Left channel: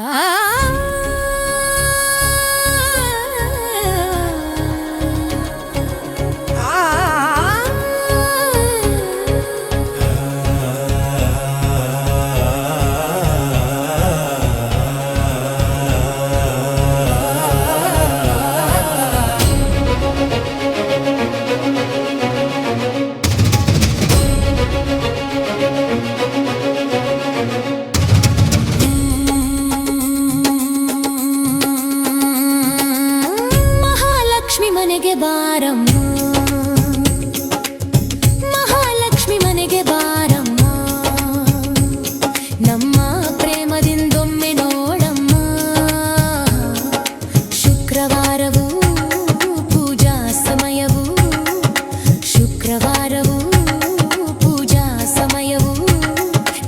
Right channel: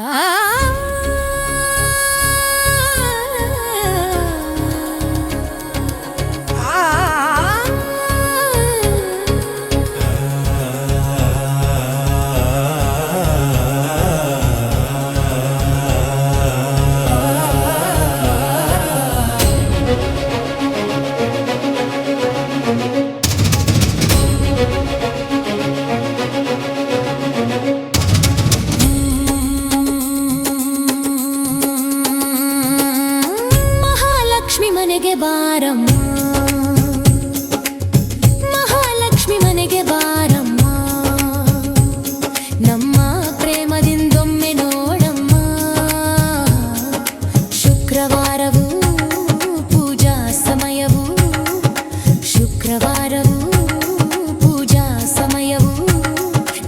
Ah! ಶುಕ್ರವಾರವೂ ಪೂಜಾ ಸಮಯವೂ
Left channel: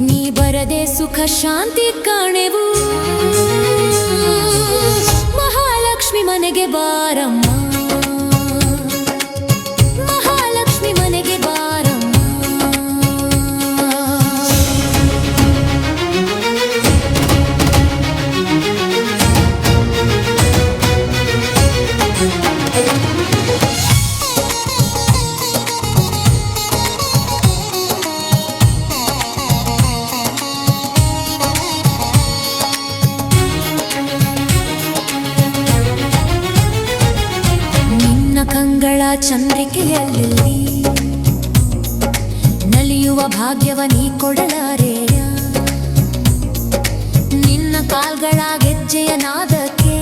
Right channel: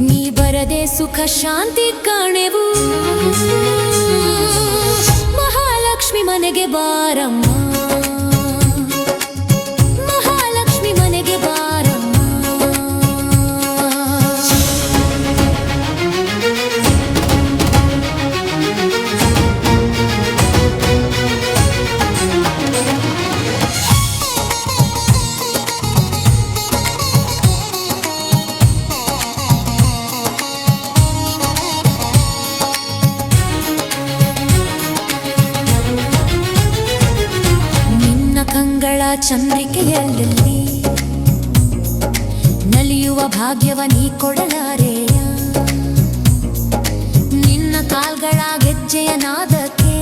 ನೀ ಬರದೆ ಸುಖ ಶಾಂತಿ ಕಾಣೆವು. ಮಹಾಲಕ್ಷ್ಮಿ ಮನೆಗೆ ಬಾರಮ್ಮ. ಚಂದ್ರಿಕೆಯಲ್ಲಿ ನಲಿಯುವ ಭಾಗ್ಯವ ನೀ ಕೊಡಲಾರೆಯ. ನಿನ್ನ ಕಾಲ್ಗಳ ಗೆಜ್ಜೆಯ ನಾದಕ್ಕೆ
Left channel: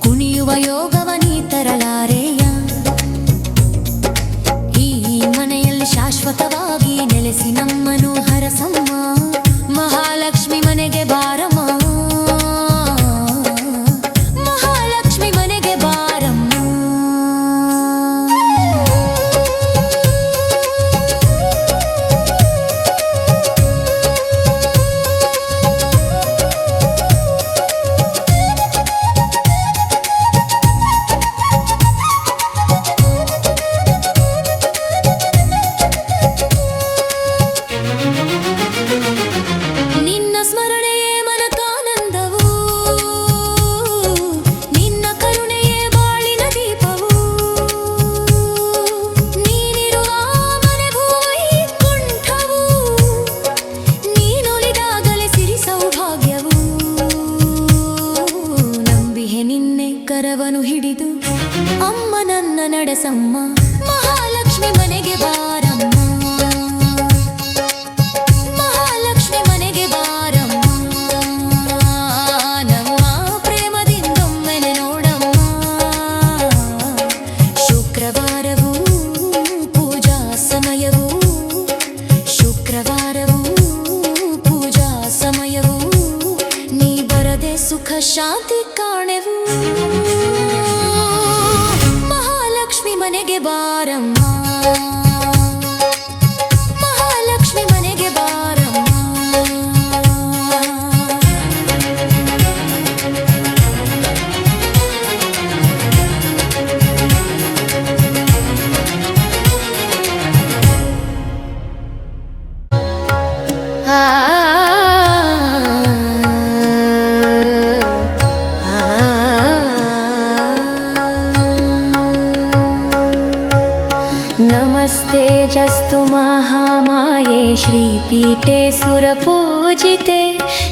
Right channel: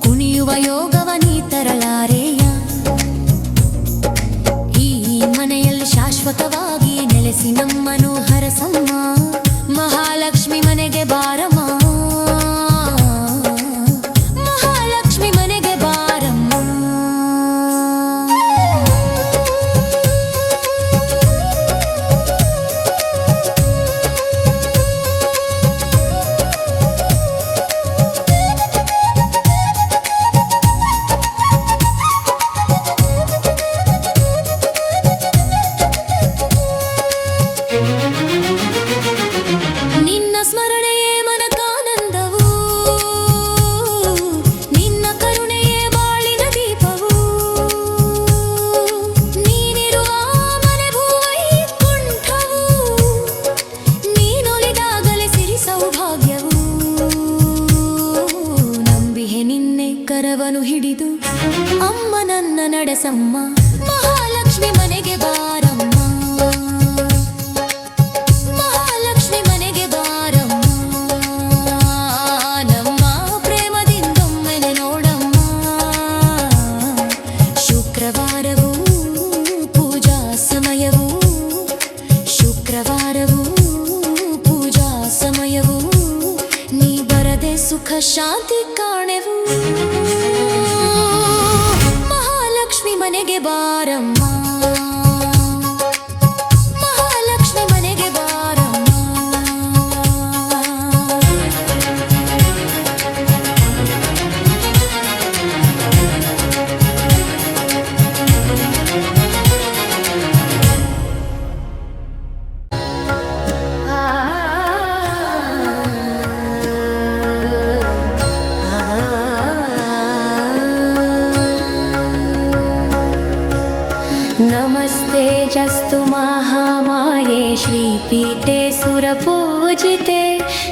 ಕುಣಿಯುವ ಯೋಗವ ನೀ ತರಲಾರೆಯ. ಈ ಮನೆಯಲ್ಲಿ ಶಾಶ್ವತವಾಗಿ ನೆಲೆಸಿ ನಮ್ಮನು ಹರಸಮ್ಮ. ಮಹಾಲಕ್ಷ್ಮಿ ಮನೆಗೆ ಬಾರಮ್ಮ. ಕರವನು ಹಿಡಿದು ಅಮ್ಮ ನನ್ನ ನಡೆಸಮ್ಮ. ಮಹಾಲಕ್ಷ್ಮಿ ಮನೆಗೆ ಬಾರಮ್ಮ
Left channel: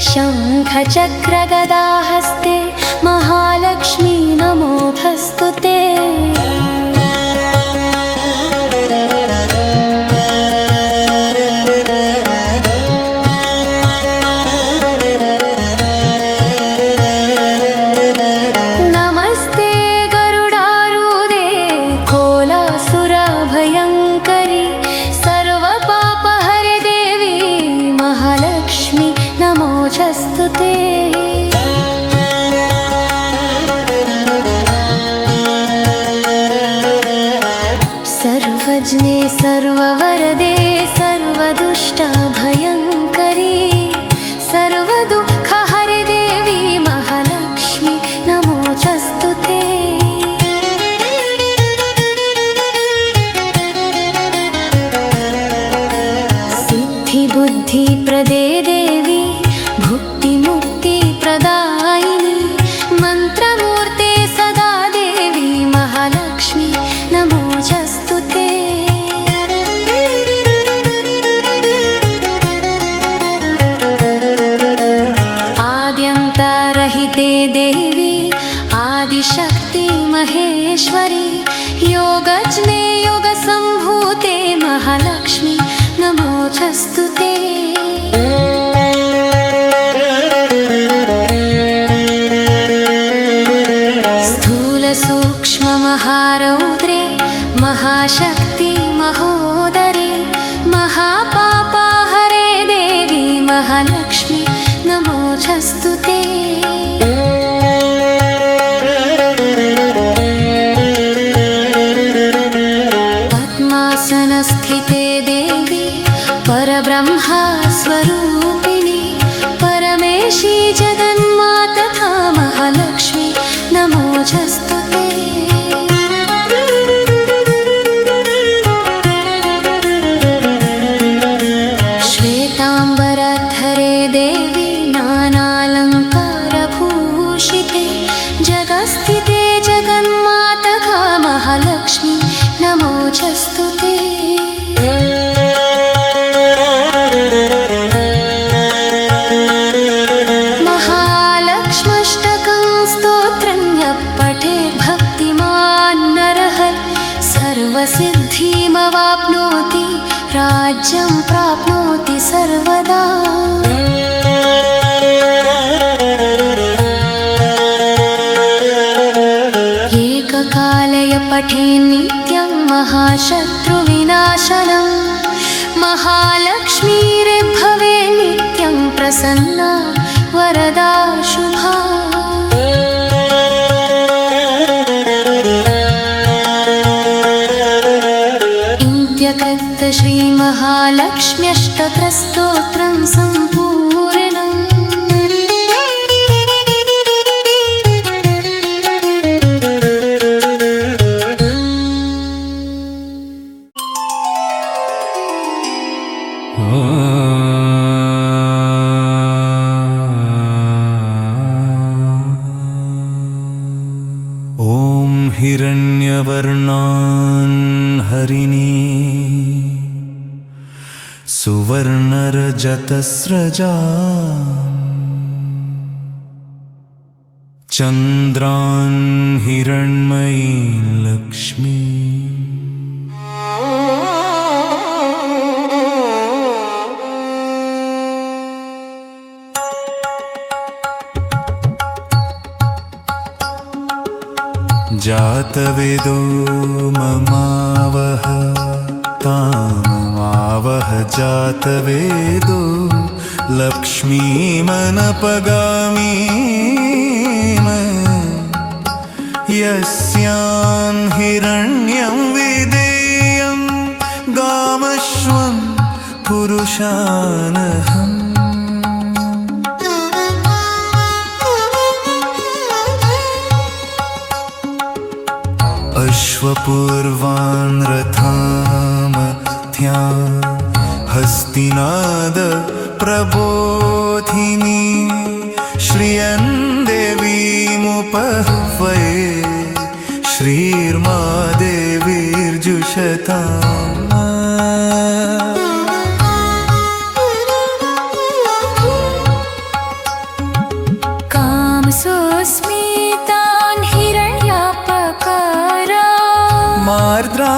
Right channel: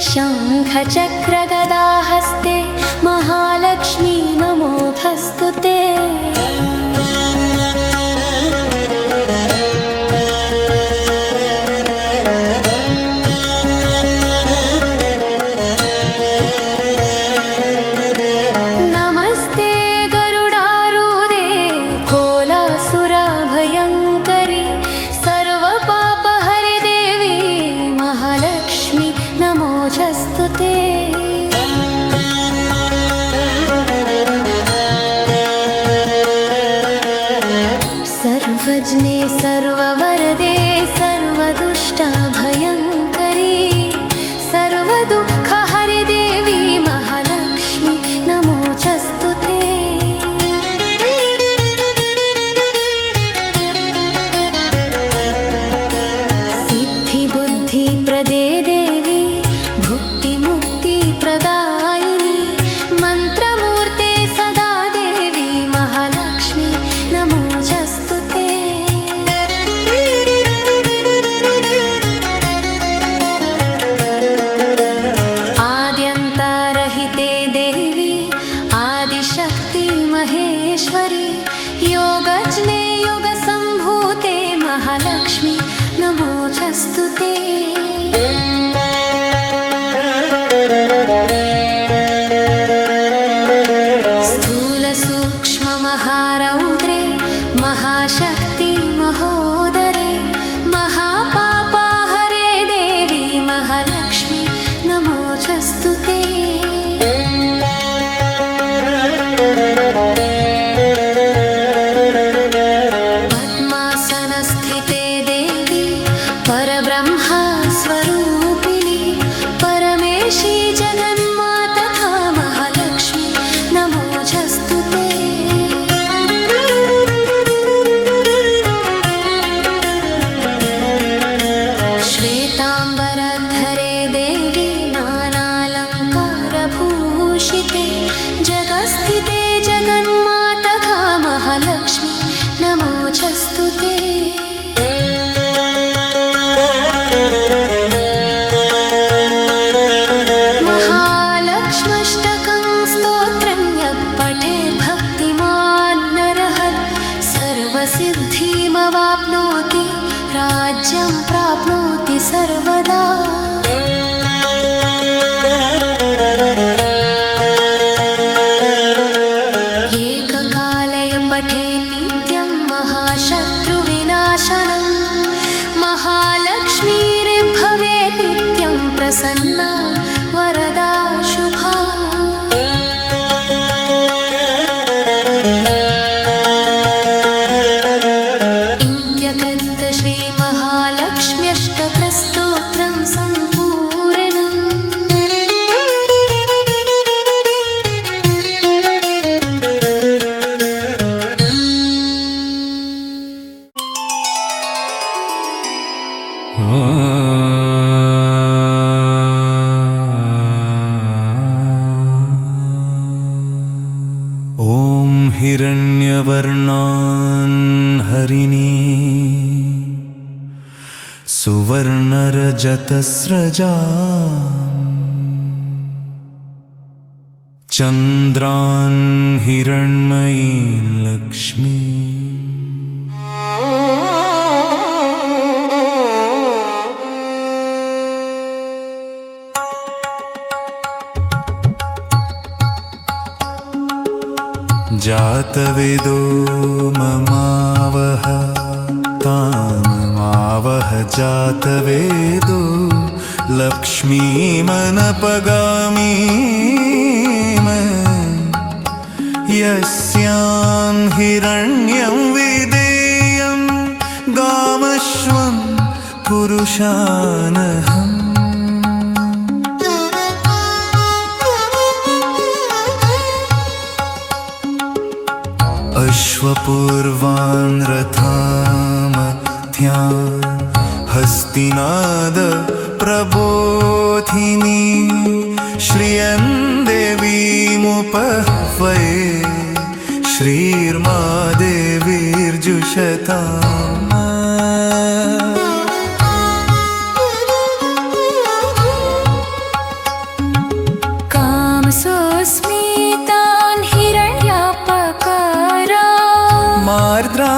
शङ्खचक्रगदाहस्ते Maheshwari. राज्यं प्राप्नोति सर्वदा हिरण्यवर्णान् हरिणी। सुवर्णरजतस्रजा। चन्द्रान् हिरण्मयी लक्ष्मी जातवेदो ममावह तामवह जातवेदो लक्ष्मीमनपगामी। यस्यां हिरण्यं विदेयं गावश्वं पुरुषानहम् अश्वपूर्वान् रथामध्या हस्तिनाद प्रबोधिनी श्रियन् देवीमुपह्वये श्रीर्मा देवीर्जुषताम् मार्द्राञ्ज्वलन्ती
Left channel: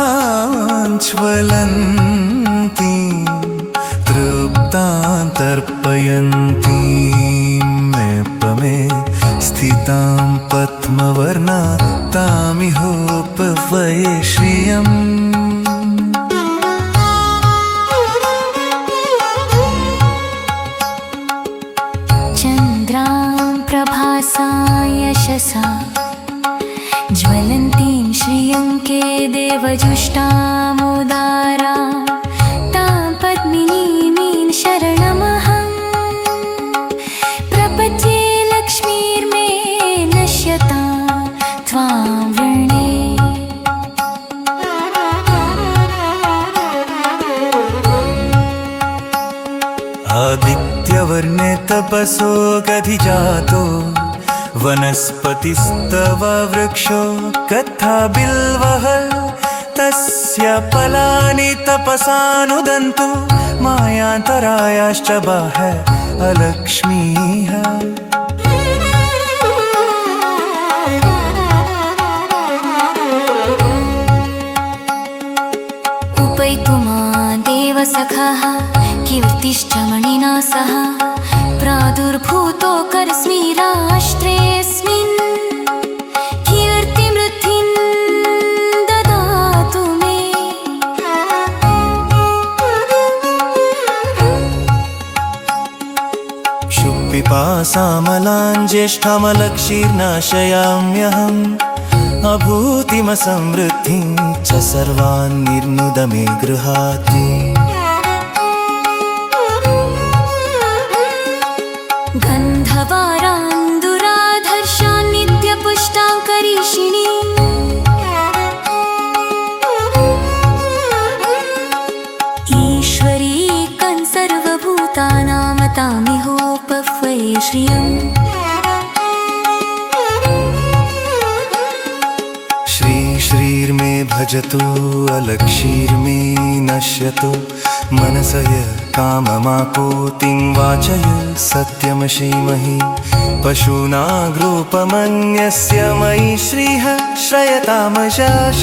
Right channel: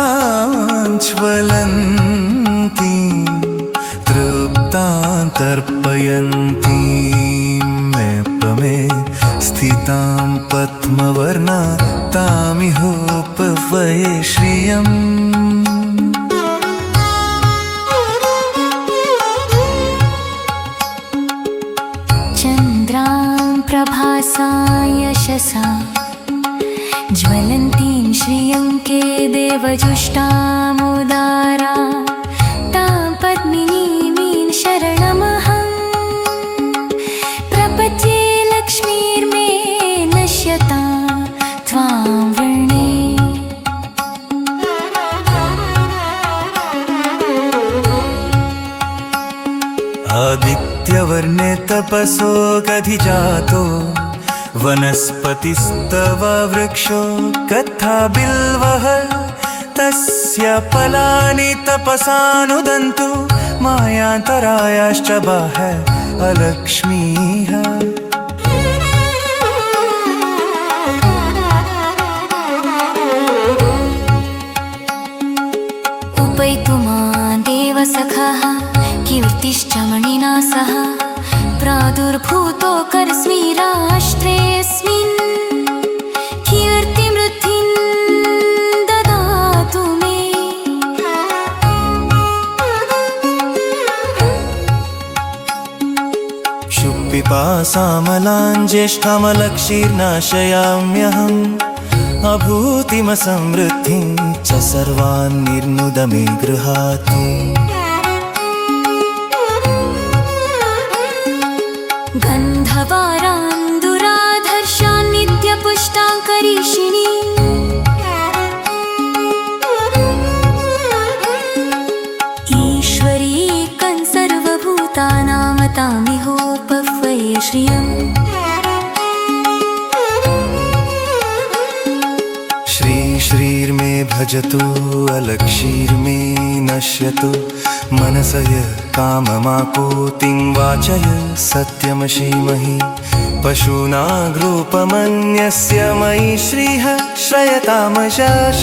तृप्तां तर्पयन्ती मे स्थितां पद्मवर्णा तामिहोपवये श्रियम्। देवजुष्टामुदारा तां पद्मिनीमीं शरणमहम् प्रपचे लक्ष्मीर्मे नश्यता आदित्यवर्णे तपसो गधिजातो वनस्पतिस्तव वृक्षो कथा तपसानुदन्तु मायान्तरायाश्च बाह लक्ष्मीः क्षुत्पिपासामलाञ्ज्येष्ठमलक्षीर्नाशयाम्यहम् अभूतिमसमृद्धिं च सर्वान् निर्मुद मे गृहात् सर्वभूतानामतामिहोपह्वये श्रियम् श्री श्रीर्मे भजतो अलक्षीर्मे नश्यतो। मनसय काममापोतिं वाचय सत्यमशीमहि पशूनाग्रोपमन्यस्य मयि श्रीः श्रयतामशाश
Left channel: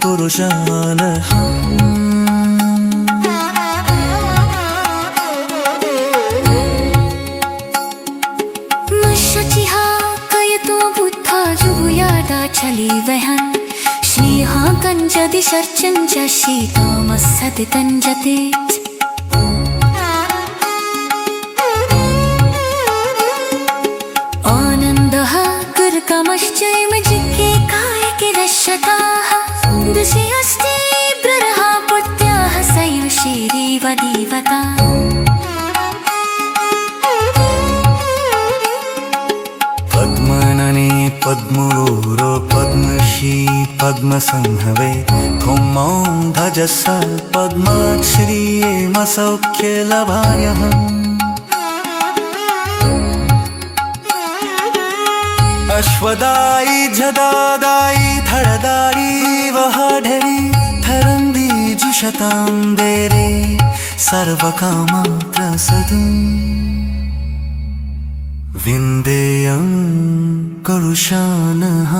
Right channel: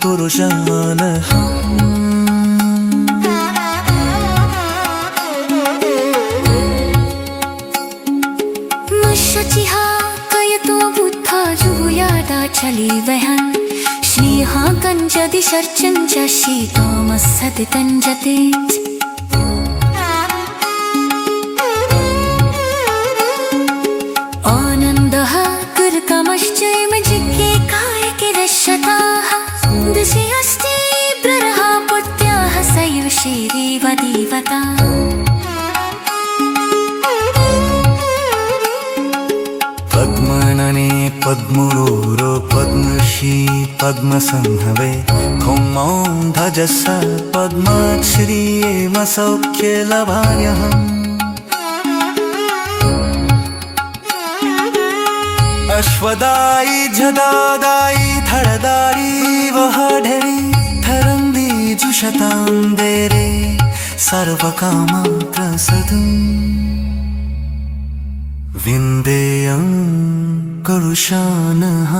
tu rujale चली वहन। श्रीहा गञ्जति शर्चञ्च शीतामः सति तंजते സൗഖ്യലവായം अश्वदायी जदादायी धनदायी वहाढरी धरन्दी जुषतां देरे सर्वकामात्रसदम् विन्देयं कुरुशानः